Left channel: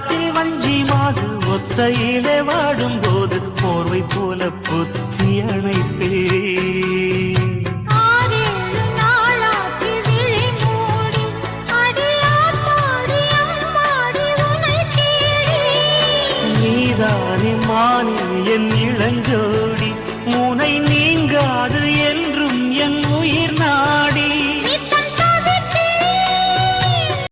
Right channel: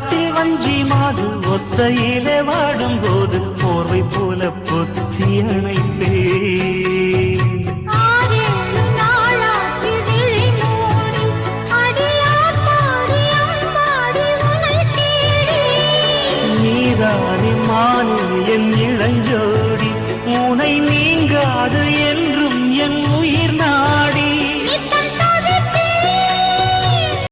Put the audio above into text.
காட்டில் வஞ்சி மாது ஒத்தையிலே வாடும்போது போர்வை போல பொத்தி அணைப்பே. நீதானே மானே என் இளஞ்சோ